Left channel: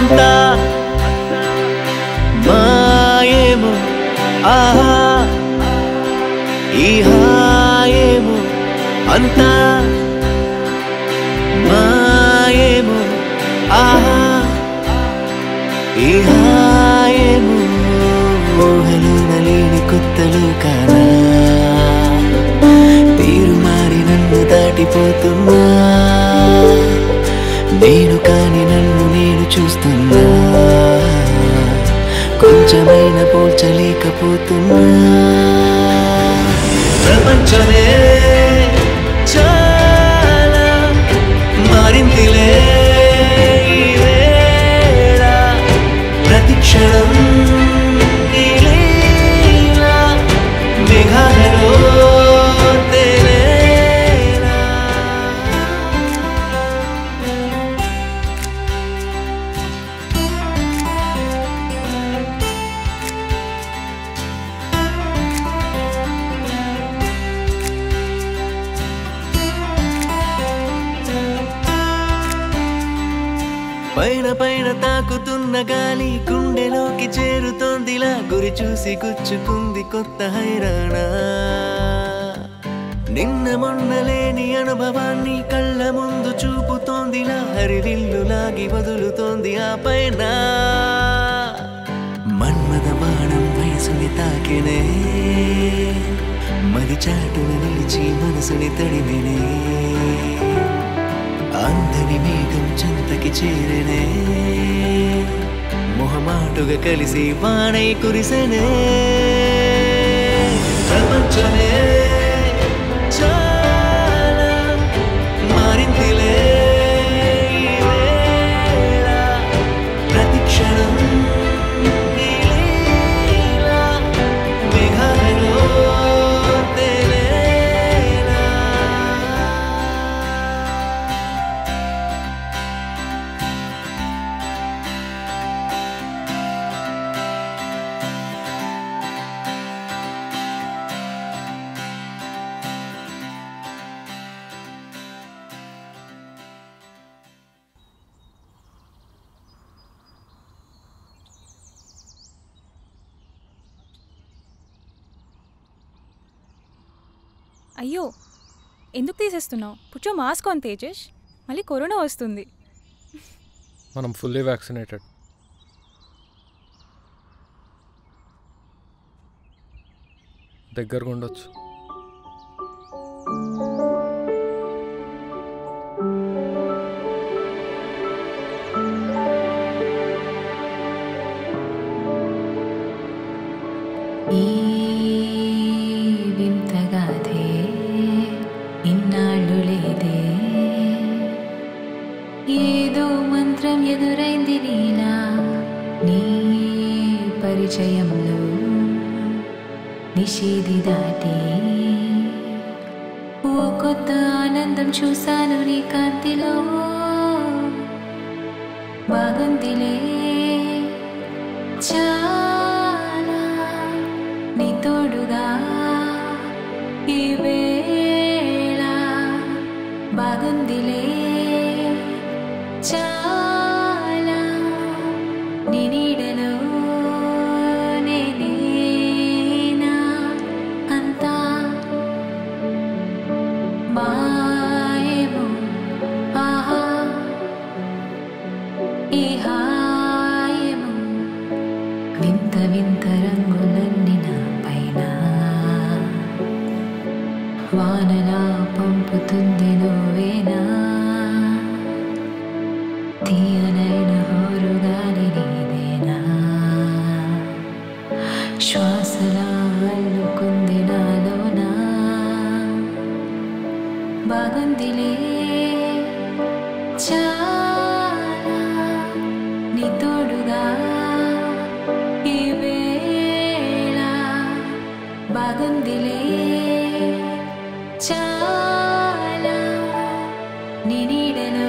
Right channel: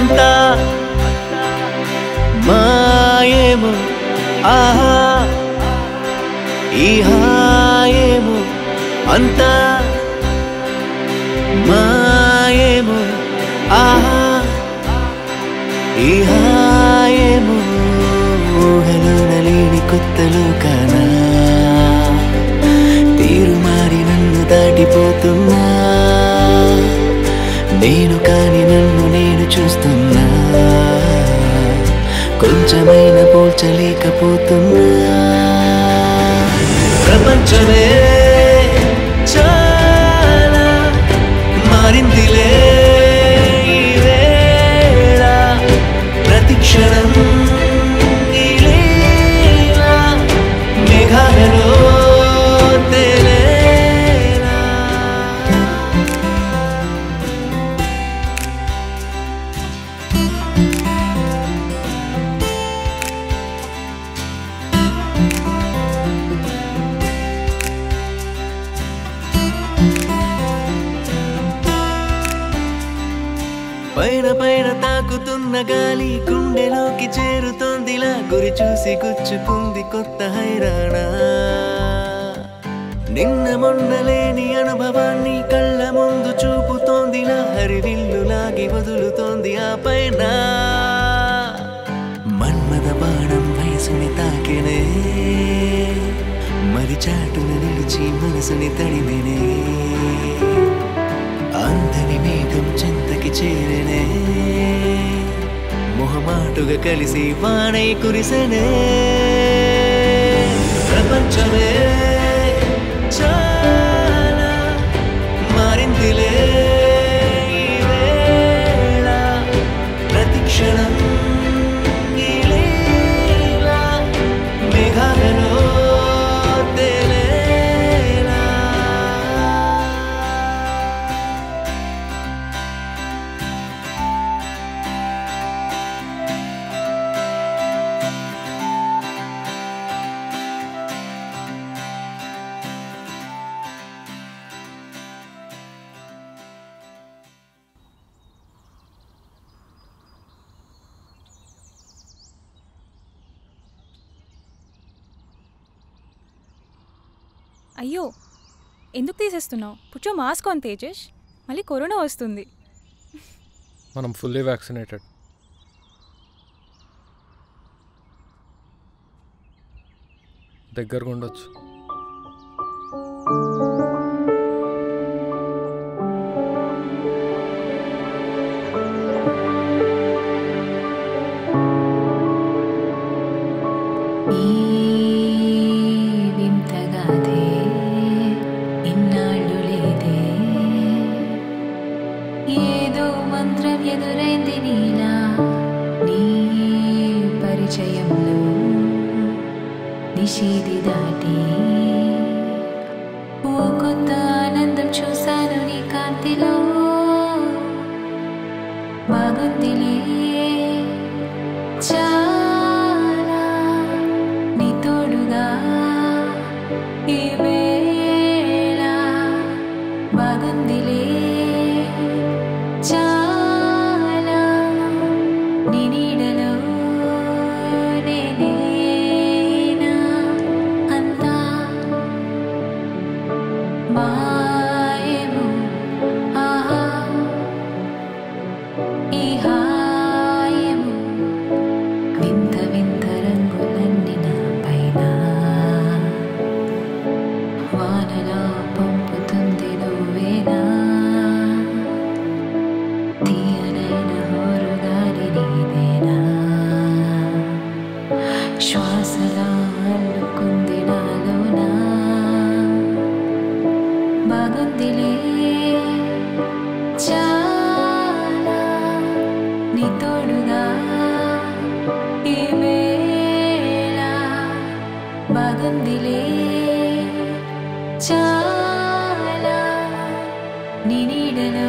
అంతా మాయేమో ఆహా ఈ హాయేమో అంతా మాయేమో ఆహా ఈ హాయేమో ఊహలోన లేని కొత్త లోకానా తీరు మారి నన్ను దాటిపోతున్నా నేను కాని నన్ను నేను చూస్తున్నా కొంచెమైనా పోల్చలేకపోతున్నా ప్రపంచమే చాలా మారిందిలే ఈ వేళ ప్రతి క్షణం ఈ లీలా మేఘాలలో తేలేలా పైన పైన తాకుతున్న గాలి గుండెలోకి చేరుతోందిలా గురి చూసి గుచ్చుకుంది కొత్త హైరానా నిన్న మొన్న లేని అనుభవాన్ని కళ్ళ ముందు చూపుతోందిలా హరివిల్లు లాగి వదులుతోంది ఆ పైన మన్మద బాణం వయసుని తాకినే మరి చాటున నిలిచి మనసుని తడిమినే అందని మేఘం చింతకి చేరనే మొహమాటుగా కలిసి వానై కురిసెనే ప్రపంచమే చాలా మారిందిలే ఈ వేళ ప్రతి క్షణం ఈ లీలా మేఘాలలో అయ్యో ఎందుకు తీసేస్తున్నావు పుచ్చో మాస్క్ ఆన్ తేజస్ మళ్ళీ కరోనా వస్తుంది మనం ఫుల్లీ వ్యాక్సినేటెడ్ దగ్గరగా ఉండొచ్చు ఏదో మంత్రం ఎదురైంది నీలా నీ పరిచయంలో నిషేధి దాటి ఓ కొత్త ఆనందం చూశాను నీ కాంతిలో బాగుందిలే చాలా నీ తోడుగా ఈ వేళ బాగుందిలే చాలా నీ నీడలో నేనేనా అంతా మాయేమో ఆహా ఈ హాయేమో వింత వింత రంగులన్నీ నా పైన వానలా పంపుతుంది నువ్వేనా తీయనైన హోరుగాలి నీదేనా శ్వాసలా అల్లుకుంది నాలోనా బాగుందిలే చాలా నీ తోడుగా ఈ వేళ బాగుందిలే చాలా నీ నీడలో